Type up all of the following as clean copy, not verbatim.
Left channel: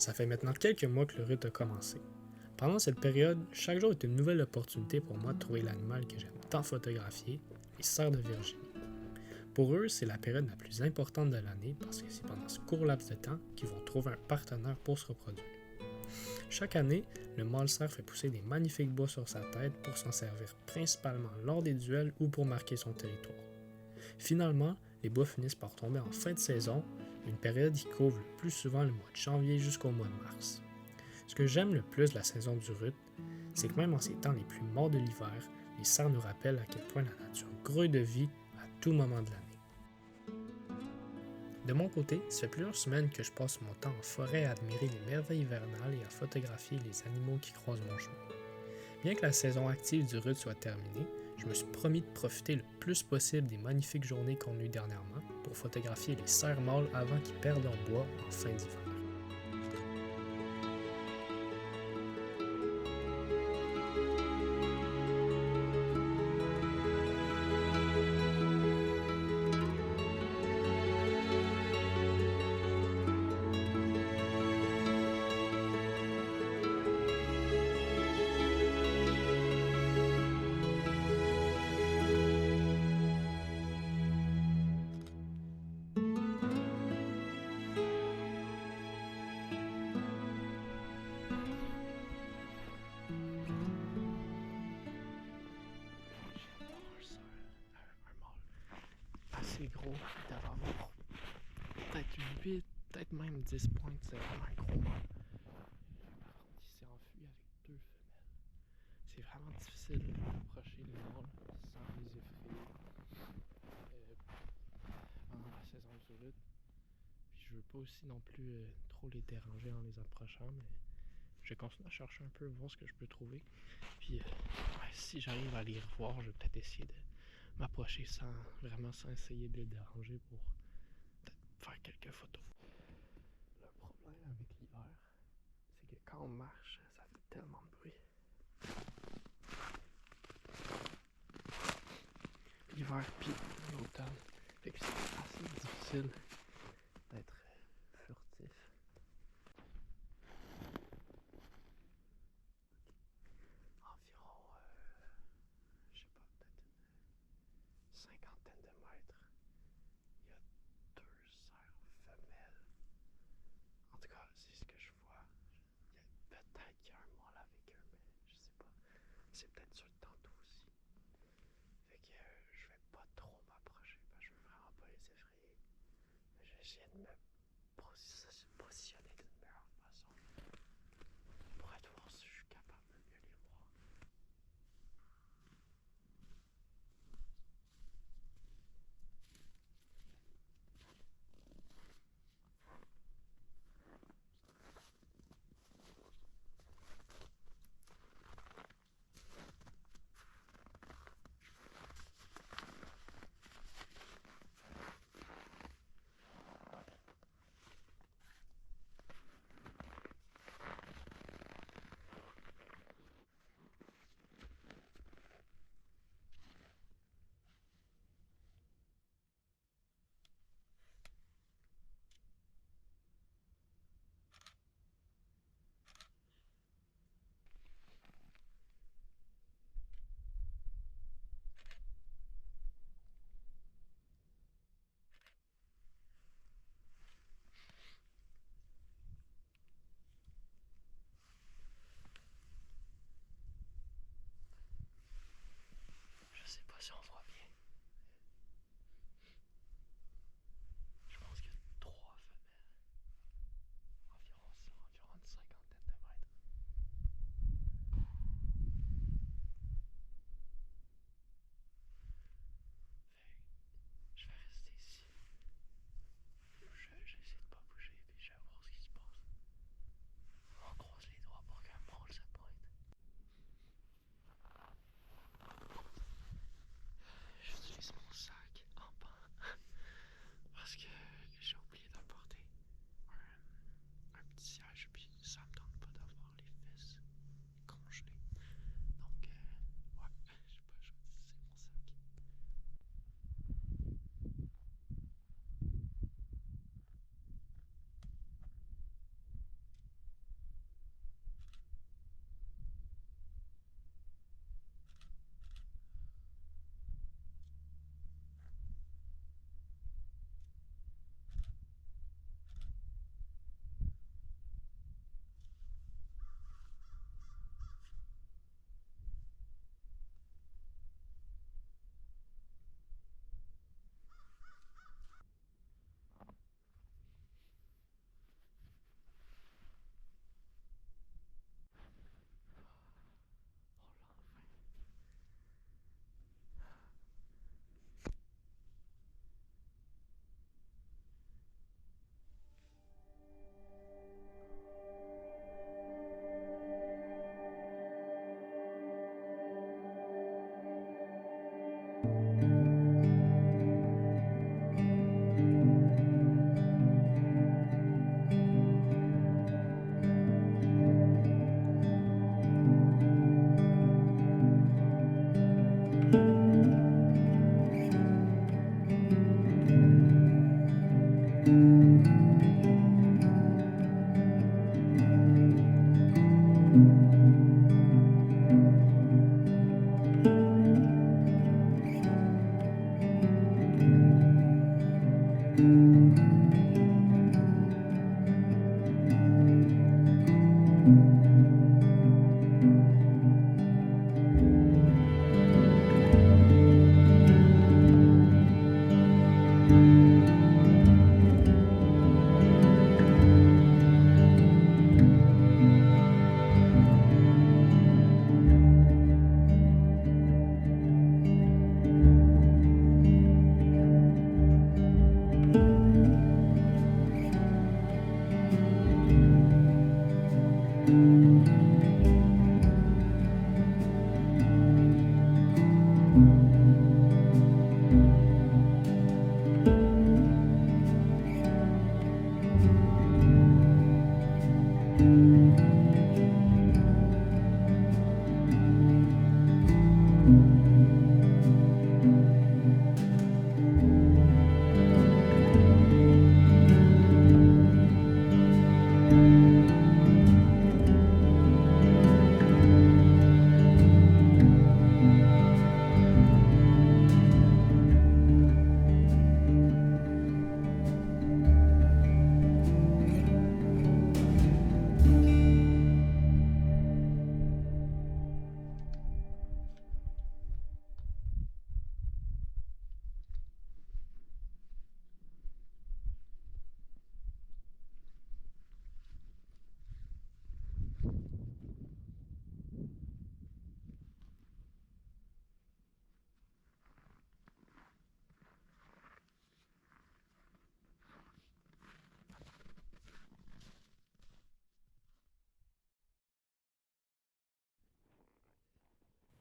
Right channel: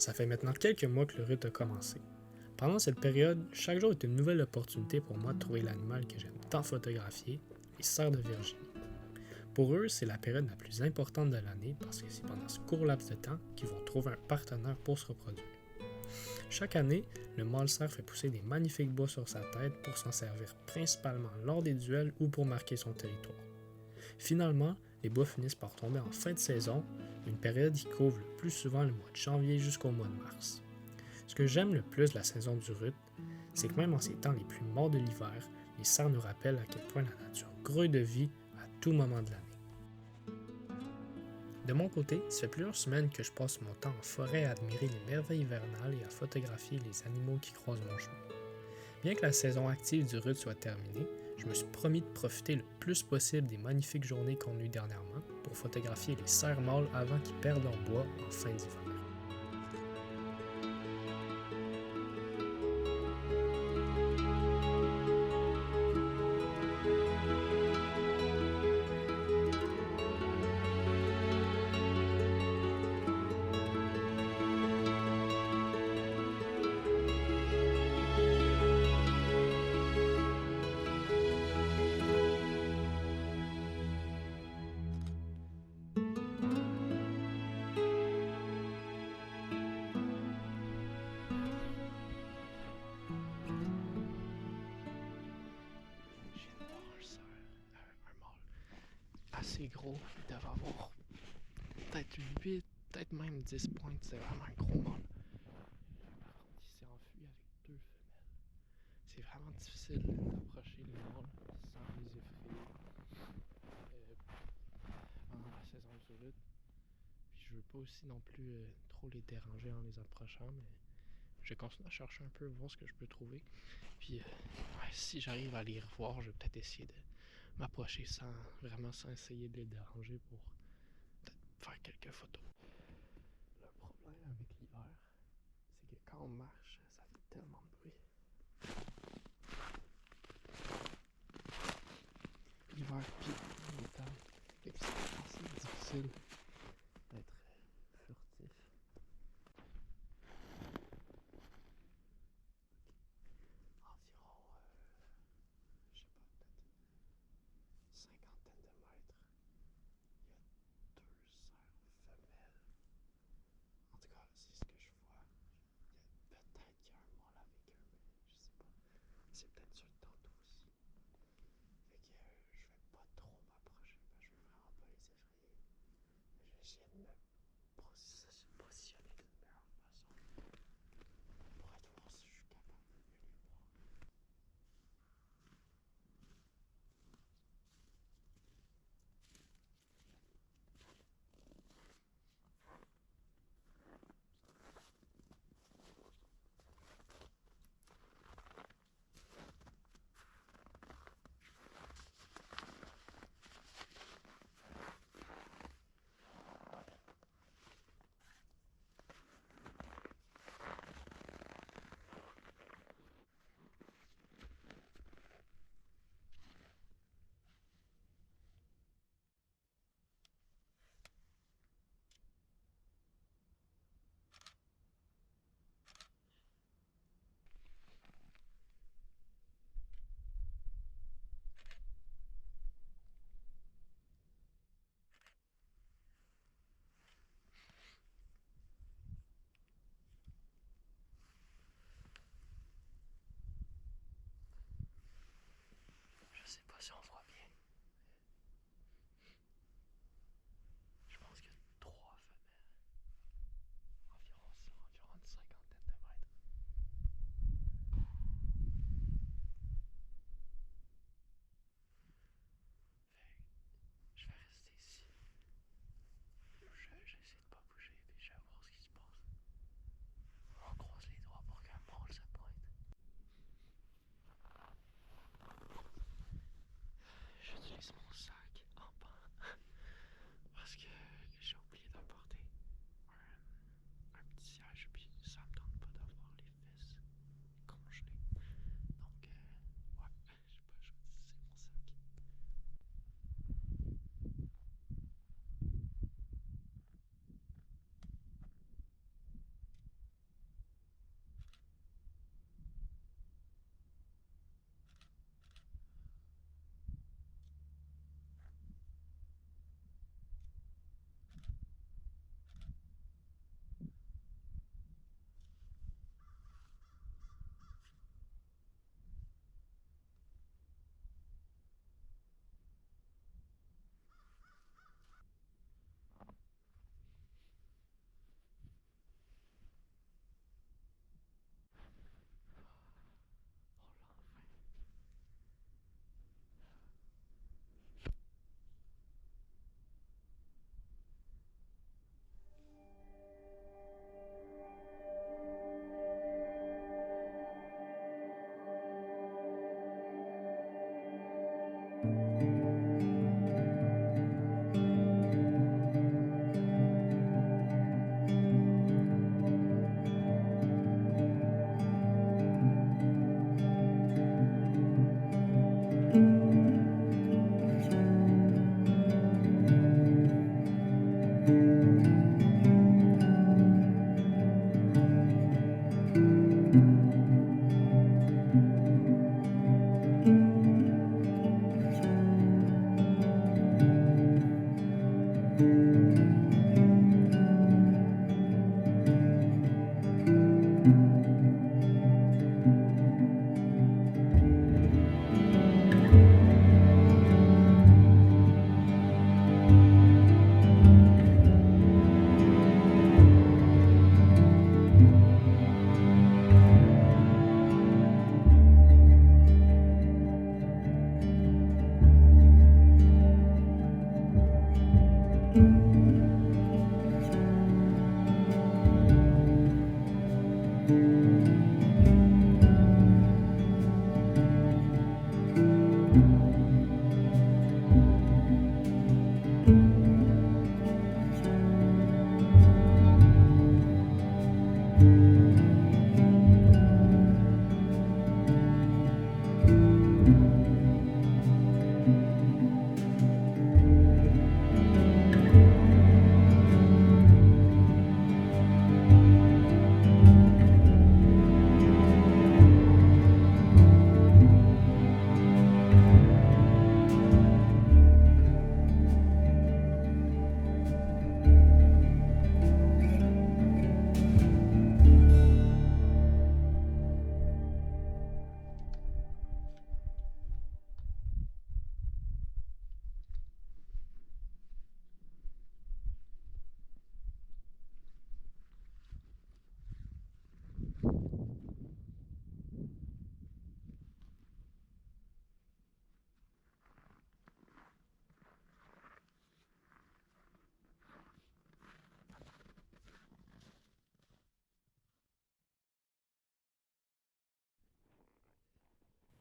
Ça fait maintenant quelques mois que le rut a commencé. Pendant cette période, chaque jour est une nouvelle opportunité pour moi de trouver l'animal que j'aime tant photographier, les cerfs de Virginie. Pour eux, c'est la période la plus importante de l'année parce que c'est pendant ce court laps de temps qu'ils vont trouver un partenaire pour se reproduire. Chaque année, le mâle cerf fait pousser des magnifiques bois sur sa tête pour s'en servir principalement lors des duels ou pour marquer son territoire. Finalement, les bois finissent par tomber en fin de saison, une période qui couvre le plus souvent le mois de janvier jusqu'au mois de mars. Ce que j'aime le plus de la saison du rut, c'est que même en ces temps les plus morts de l'hiver, les cerfs nous rappellent à quel point la nature grouille de vie à tout moment de l'année. De mon côté, ça fait plusieurs semaines que je passe mon temps en forêt à admirer les merveilles hivernales et à photographier les animaux qui croisent mon chemin. Bien que la saison active du rut soit terminée, je me suis promis de profiter le plus possible des magnifiques journées qu'on a eues dernièrement pour photographier les cerfs mâles avant qu'ils perdent leur bois en fin d'hiver. Assez gros, il devait avoir peut-être 8, peut-être même 10 pointes, c'est vraiment un gros mâle. Il s'est enfui avec 2 femelles. C'est vraiment difficile d'approcher les mâles sans les effrayer pendant la saison du rut. Puis je veux pas aussi non plus trop les déranger en les approchant, mais je continue à chercher un peu, voir ce que je peux trouver. Puis si j'arrive à les revoir, je vais peut-être essayer de m'approcher sans essayer de les déranger pour peut-être faire quelques photos. Le problème avec l'hiver, c'est que quand on marche, ça fait tellement de bruit. L'hiver puis l'automne, fait que c'est assez difficile d'être furtif. Environ, je sais pas, peut-être une cinquantaine de mètres, il y a 2 cerfs femelles. En tout cas, c'est ce que je vois. Peut-être qu'il y a un mâle avec eux, mais je sais pas. C'est peut-être sur le tantôt aussi. Fait que je vais pas trop m'approcher parce que je veux vraiment pas les effrayer. Je vais essayer de me positionner d'une meilleure façon pour être voir si je suis capable de mieux les voir.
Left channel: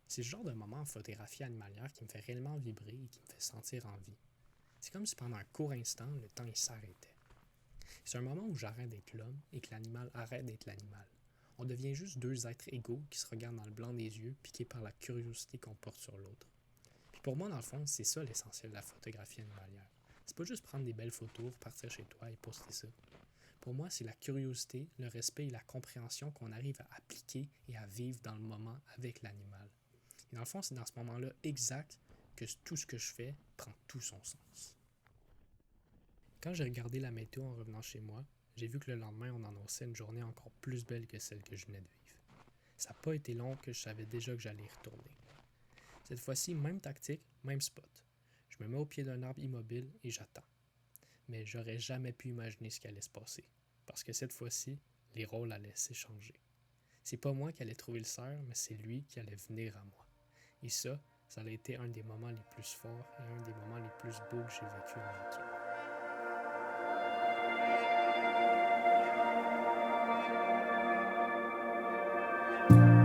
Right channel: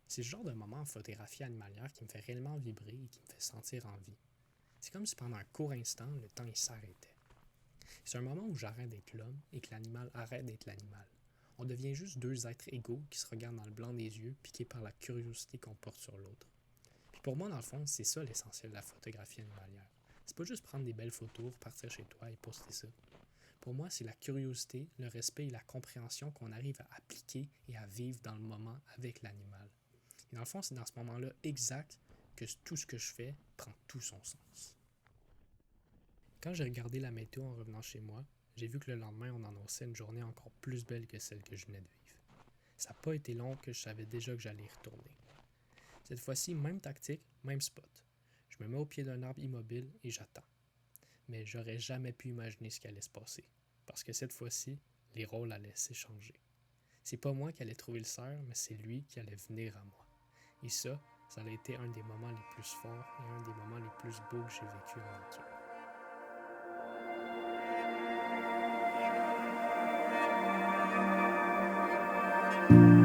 C'est le genre de moment en photographie animalière qui me fait réellement vibrer et qui me fait sentir en vie. C'est comme si pendant un court instant, le temps s'arrêtait. C'est un moment où j'arrête d'être l'homme et que l'animal arrête d'être l'animal. On devient juste deux êtres égaux qui se regardent dans le blanc des yeux, piqués par la curiosité qu'on porte sur l'autre. Puis pour moi, dans le fond, c'est ça l'essentiel de la photographie animalière. C'est pas juste prendre des belles photos, partir chez toi et poster ça. Pour moi, c'est la curiosité, le respect et la compréhension qu'on arrive à appliquer et à vivre dans le moment avec l'animal. Et dans le fond, c'est dans ce moment-là exact que tout ce que je fais prend tout son sens. Quand j'ai regardé la météo en revenant chez moi, j'ai vu que le lendemain, on annonçait une journée encore plus belle que celle que je venais de vivre. Ça n'a pas été long que je savais déjà que j'allais y retourner. Cette fois-ci, même tactique, même spot. Je me mets au pied d'un arbre immobile et j'attends. Mais j'aurais jamais pu imaginer ce qui allait se passer. Parce que cette fois-ci, les rôles allaient s'échanger. C'est pas moi qui allais trouver le cerf, mais c'est lui qui allait venir à moi. Et ça a été un des moments les plus forts et un des moments les plus beaux que j'ai vécu en nature.